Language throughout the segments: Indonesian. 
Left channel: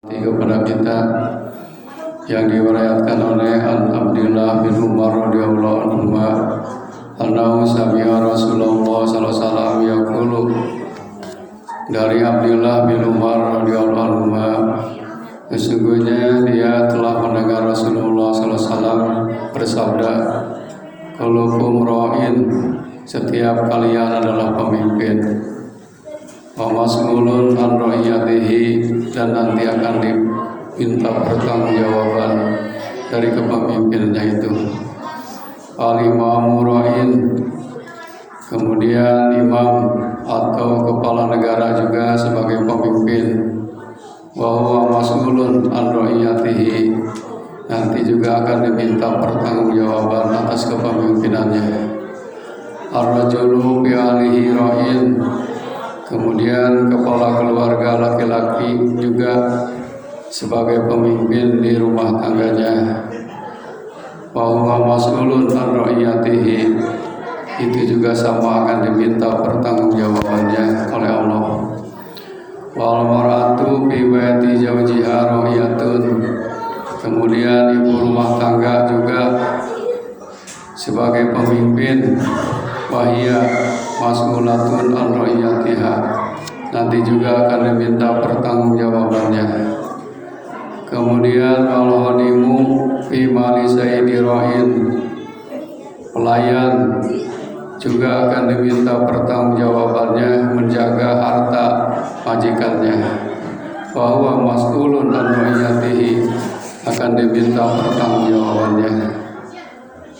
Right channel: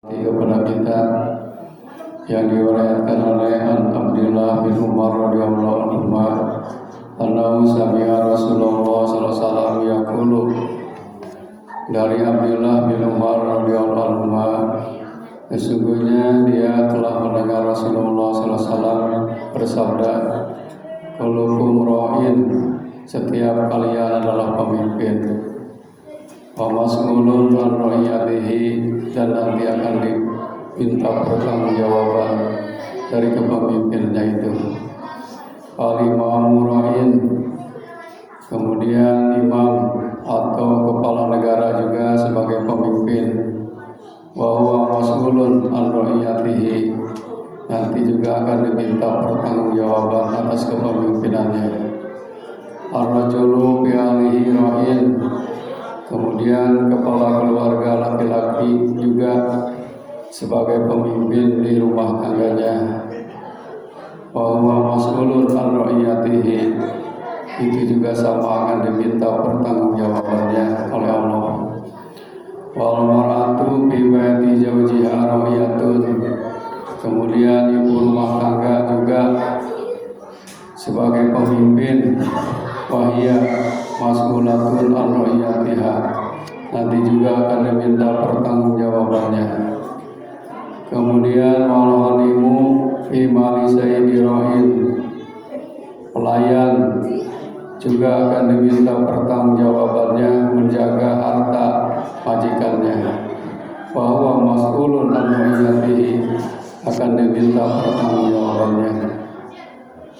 kepada kita yang diriwayatkan oleh Abdullah bin Umar radhiyallahu anhu annahu sami'a Rasulullah sallallahu alaihi wasallam yaqulu, dari Abdullah bin Umar radhiyallahu anhu, sesungguhnya dia telah mendengar Rasulullah sallallahu alaihi wasallam bersabda, kullukum ra'in, setiap kalian adalah pemimpin, wa mas'ulun an ra'iyatihi, dan nanti akan diminta pertanggungjawaban dari kepemimpinannya itu. Al-imamu ra'in, kemudian imam atau kepala negara juga sebagai pemimpin, wa huwa mas'ulun an ra'iyatihi, nanti juga akan diminta pertanggungjawaban atas kepemimpinannya. Ar-rajulu bi alihi ra'in, kemudian kepala keluarga laki-laki juga sebagai pemimpin di rumah tangganya. Wa huwa mas'ulun an ra'iyatihi, itu juga sama akan diminta pertanggungjawabannya oleh Allah. Wal mar'atu fi baiti zawjiha ra'iyatun, kemudian ibu rumah tangga juga sebagai pemimpin, wahia mas'ulatun an ra'iyatiha, nanti juga akan diminta pertanggungjawabannya. Kemudian wal hadimu fi mali sayyidi ra'in, pelayan juga akan diminta pertanggungjawabannya menjaga harta majikannya. Wa huwa mas'ulun an ra'iyatihi, akan diminta pertanggungjawabannya.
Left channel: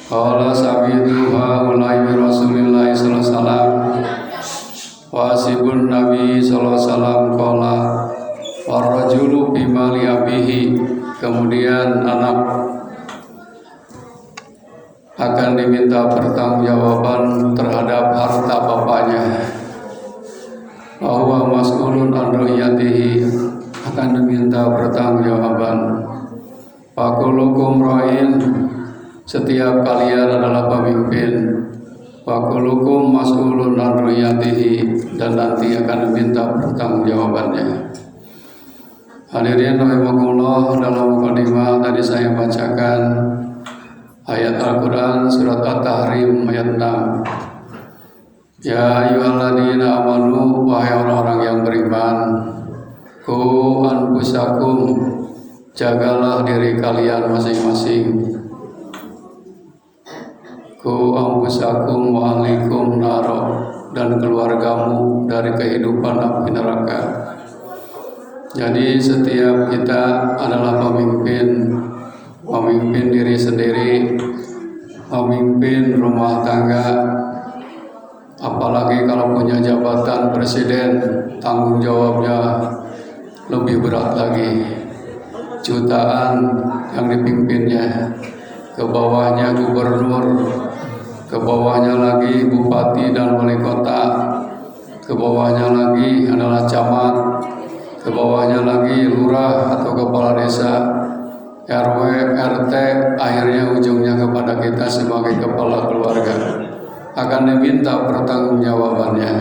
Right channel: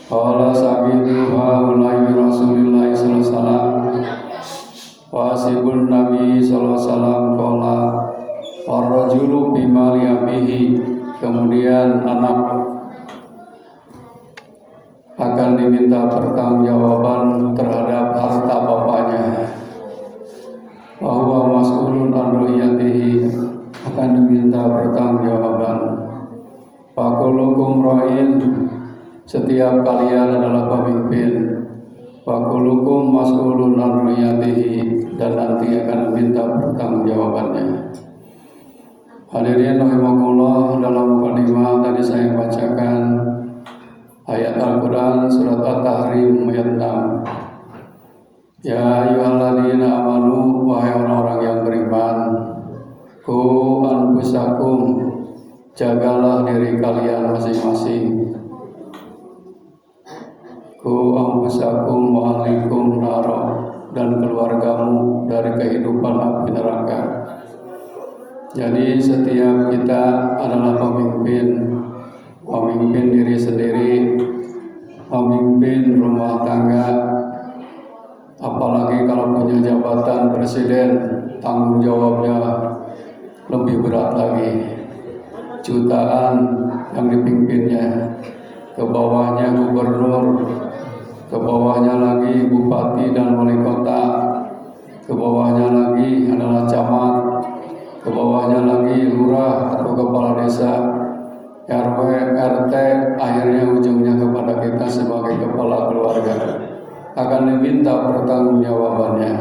Qala sabitu haulai bi Rasulillah sallallahu alaihi wasallam, wasibun Nabi sallallahu alaihi wasallam qala warrajulu bi mali abihi, kemudian anak akan diminta pertanggungjawaban terhadap harta bapaknya. Wa huwa mas'ulun an ra'iyatihi, akan diminta pertanggungjawaban. Fakulukum ra'in, setiap kalian adalah pemimpin. Fakulukum mas'ulun an ra'iyatihi, dan nanti akan diminta pertanggungjawabannya. Hadirin rahimakumullah, dalam mukadimah tadi saya bacakan ayat Al-Quran surat At-Tahrim ayat 6. Ya ayyuhalladzina amanu, wahai orang-orang yang beriman, ku anfusakum, jagalah diri kalian masing-masing. Ku anfusakum wa ahlikum nara, dan keluargamu dari kehidupan api neraka. Jadi setiap kita adalah pemimpin, memimpin diri sendiri, memimpin rumah tangga, apalagi kalau punya jabatan presiden, tanggung jawabnya lebih berat lagi. Jutaan yang dipimpinnya, ke bawahnya gubernur, ke bawahnya lagi bupati dan wali kota, ke bawahnya lagi adalah camat, ke bawahnya lagi lurah atau kepala desa, RW, RT, akhirnya ujungnya kepada kita sebagai kepala keluarga, akan diminta pertanggungjawabannya.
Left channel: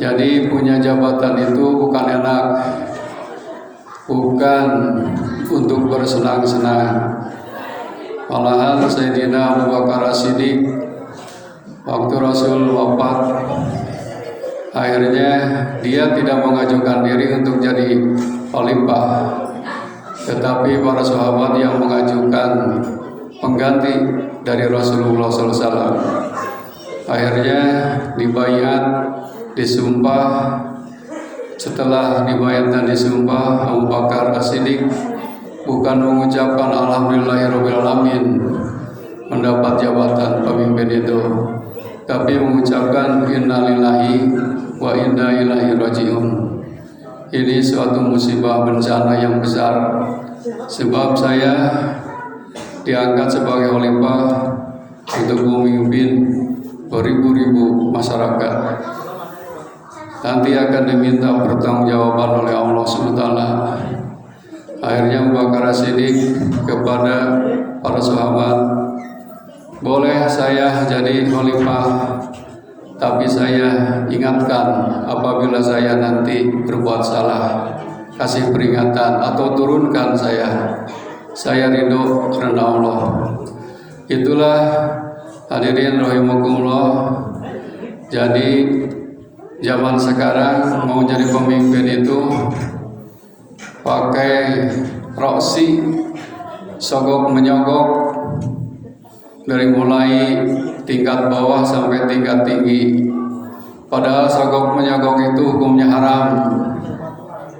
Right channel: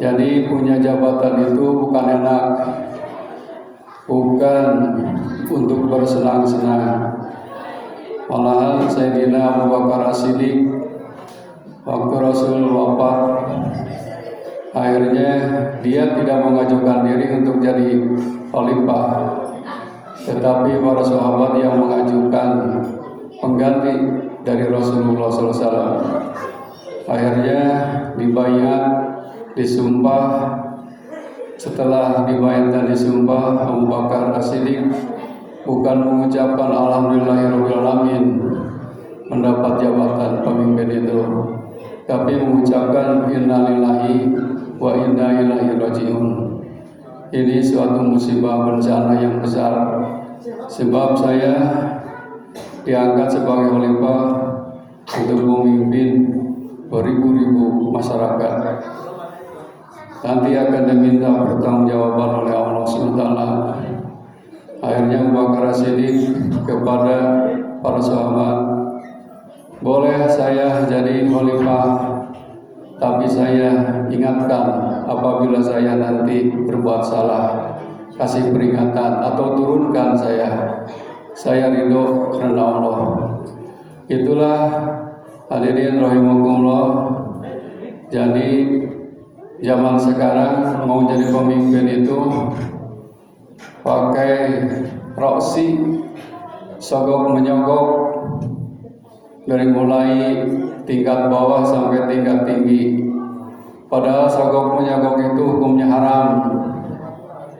Jadi punya jabatan itu bukan enak, bukan untuk bersenang-senang. Malahan Sayyidina Abu Bakar As-Siddiq, waktu Rasul wafat, akhirnya dia tidak mengajukan diri untuk jadi khalifah, tetapi para sahabat yang mengajukan pengganti dari Rasulullah SAW. Akhirnya dibayat, disumpah. Setelah dibayat dan disumpah, Abu Bakar As-Siddiq bukan mengucapkan alhamdulillahirrabbilalamin mendapat jabatan pemimpin itu, tapi mengucapkan innalillahi wa inna ilaihi rajiun. Ini suatu musibah bencana yang besar, sebab saya diangkat sebagai khalifah untuk memimpin beribu-ribu masyarakat. Nanti akan diminta pertanggungjawaban oleh Allah SWT. Akhirnya Abu Bakar As-Siddiq kepada para sahabat, boleh saya jadi khalifah, tapi saya ingatkan apabila saya nanti berbuat salah, kasih peringatan atau turunkan saya ridho karena Allah. Itulah hadirin rahimakumullah. Jadi zaman sekarang mau jadi pemimpin itu pakai roksi, sogok menyogok, dari mulai tingkat bawah sampai tingkat tinggi. Padahal sogok menyogok itu hukumnya haram.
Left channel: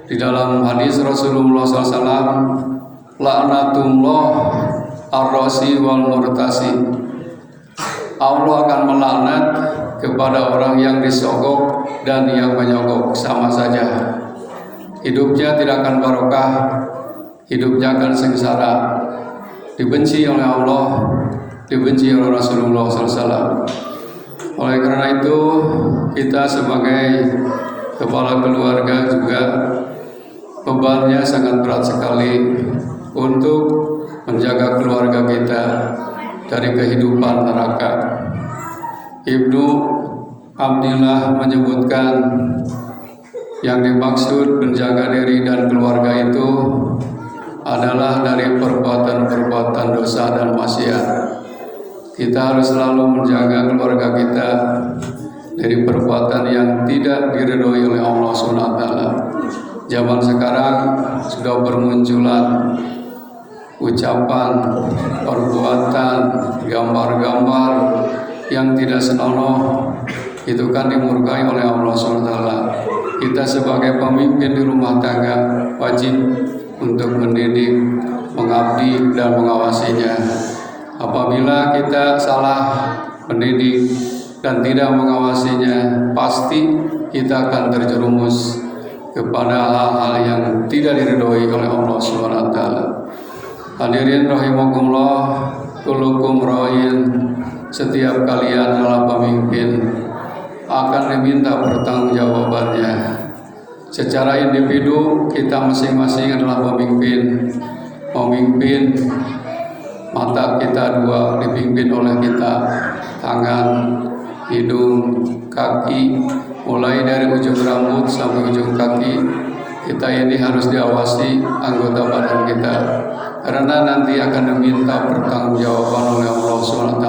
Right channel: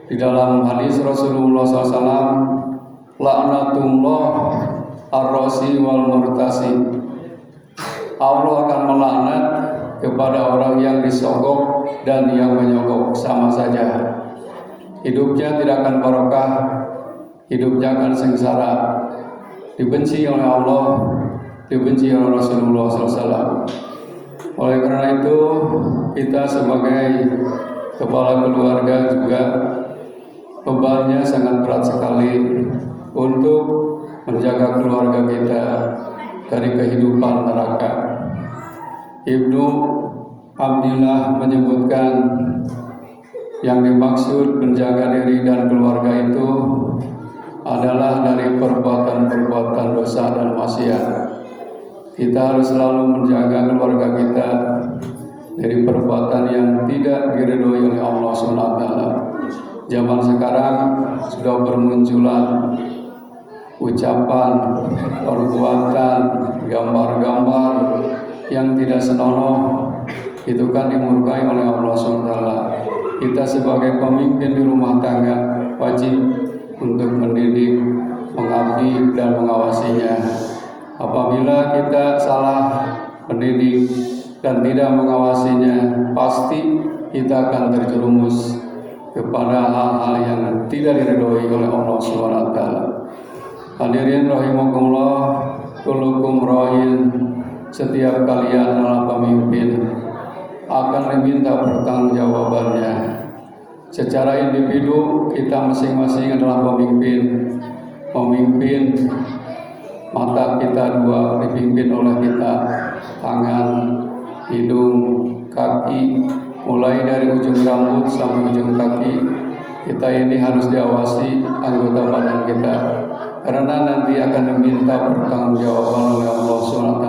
Di dalam hadis Rasulullah SAW, laknatullah ar-rasi wal murtasi. Allah akan melaknat kepada orang yang disogok dan yang menyogok, sama saja. Hidupnya tidak akan barokah, hidupnya akan sengsara, dibenci oleh Allah, dibenci oleh Rasulullah SAW. Oleh karena itu, kita sebagai kepala keluarga juga bebannya sangat berat sekali untuk menjaga keluarga kita dari kehidupan neraka. Ibnu Abdillah menyebutkan yang dimaksud menjaga diri dan keluarga itu adalah dari perbuatan-perbuatan dosa dan maksiat. Kita harus selalu menjaga keluarga kita dari perbuatan yang tidak diridhoi oleh Allah SWT. Zaman sekarang sudah bermunculan ucapan, perbuatan, gambar-gambar yang tidak senonoh. Itu kan dimurkai oleh Allah SWT. Kita sebagai pemimpin di rumah tangga wajib untuk mendidik, mengabdi, dan mengawasinya. Apabila kita salah mendidik dan tidak mengawasinya, pasti kita akan terjerumus kepada hal-hal yang tidak diridhoi oleh Allah SWT. Hadirin rahimakumullah, kullukum ra'in, setiap kalian adalah pemimpin, akan diminta pertanggungjawabannya. Secara individu kita masing-masing adalah pemimpin. Memimpin mata kita dua dipimpin oleh kita, tangan, hidung, kaki, mulai dari ujung rambut sampai ujung kaki. Kita ini harus diawasi anggota badan kita, karena nanti akan diminta pertanggungjawaban oleh Allah SWT.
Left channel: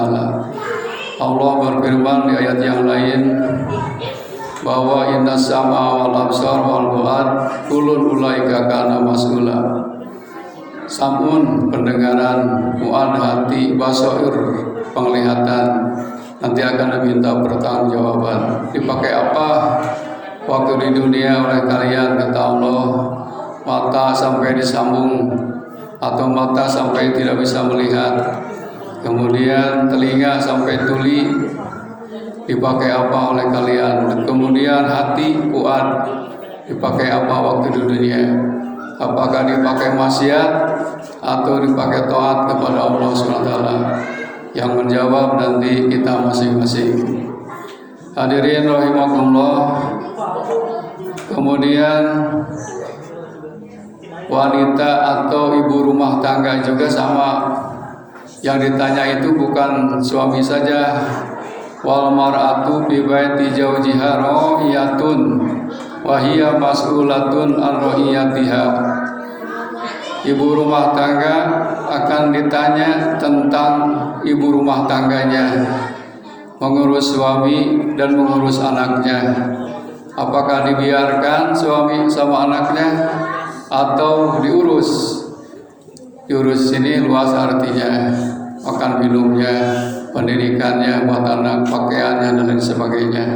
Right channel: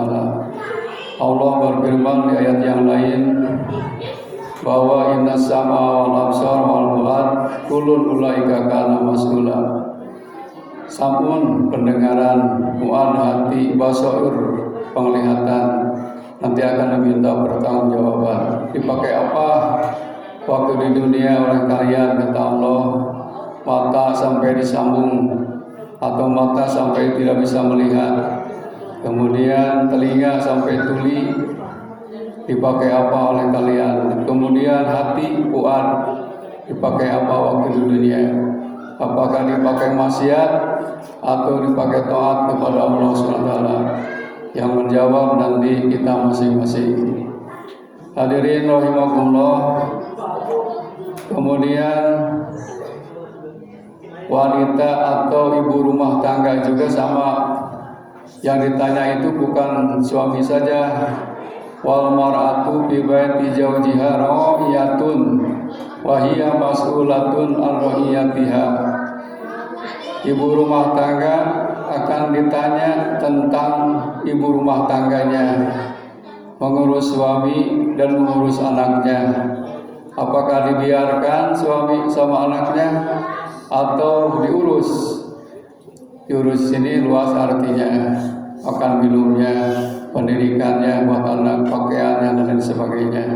Allah berfirman di ayat yang lain bahwa inna sam'a wal absar wal fuad kullun ulaika kana mas'ula. Samun pendengaran, fuad hati, basair penglihatan, nanti akan diminta pertanggungjawaban. Dipakai apa waktu di dunia oleh kalian, kata Allah? Mata sampai disambung atau mata sampai tidak bisa melihat. Kemudian telinga sampai tuli, dipakai apa oleh kalian? Kemudian hati, fuad, dipakai apa waktu di dunia? Apakah dipakai maksiat atau dipakai taat kepada Allah SWT? Yang menjawab nanti kita masing-masing. Hadirin rahimakumullah. Kemudian wanita atau ibu rumah tangga juga sama. Yang ditanya itu bukan suami saja. Wal mar'atu bi baiti zawjiha ra'iyatun wa hiya mas'ulatun an ra'iyatiha. Ibu rumah tangga akan ditanya tentang ibu rumah tangganya, mengurus suami dan mengurus anaknya. Apakah dibiarkan suami sama anaknya atau diurus? Diurus ini luas artinya, makan minumnya, pendidikannya, buat anak, pakaiannya, dan lain sebagainya.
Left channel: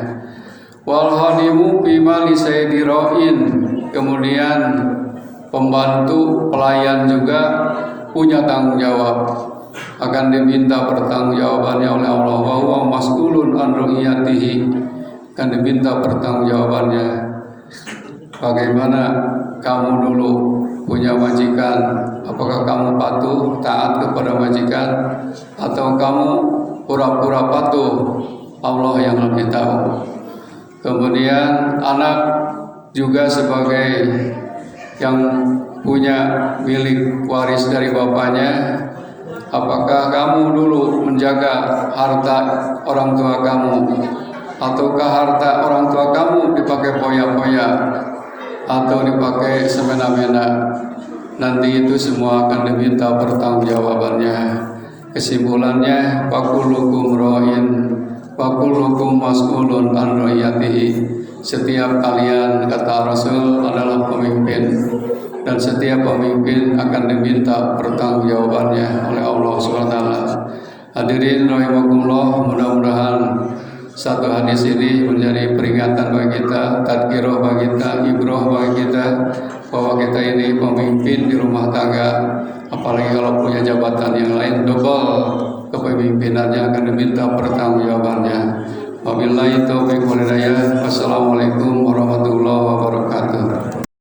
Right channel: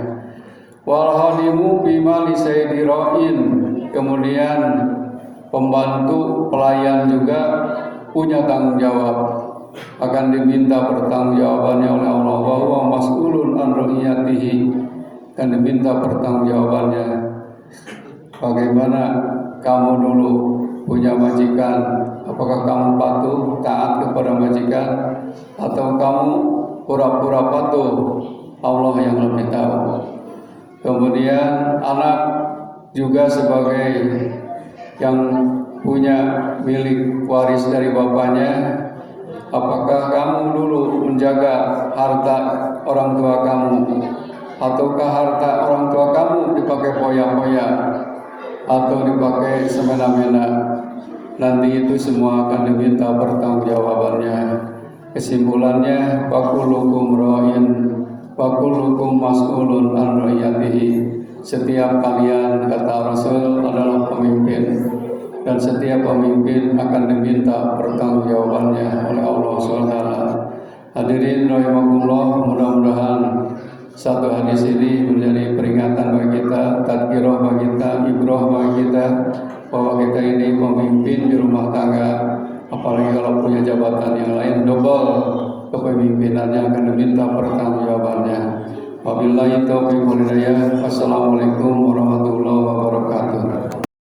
Wal hanimu bima li sayyidi ra'in. Kemudian pembantu pelayan juga punya tanggung jawab, akan diminta pertanggungjawabannya oleh Allah. Wa huwa mas'ulun an ra'iyatihi, akan diminta pertanggungjawabannya. Bagaimana kamu dulu punya majikan? Apakah kamu patuh taat kepada majikan atau kamu pura-pura patuh? Allah yang lebih tahu. Kemudian anak juga sebagai yang punya milik waris dari bapaknya. Apakah kamu dulu menjaga harta orang tua kamu, ataukah harta orang tua kamu dipakai poya-poya? atau dipakai semena-mena, nanti itu semua akan diminta pertanggungjawabannya. Kesimpulannya, fakulukum ra'in wa kullukum mas'ulun an ra'iyatihi. Setiap kalian, kata Rasul, adalah pemimpin, dan setiap pemimpin akan diminta pertanggungjawabannya oleh Allah SWT. Hadirin rahimakumullah, mudah-mudahan satu hadis ini menjadi peringatan bagi kita, tadkirah bagi kita, ibrah bagi kita, bahwa kita ini pemimpin di rumah tangga,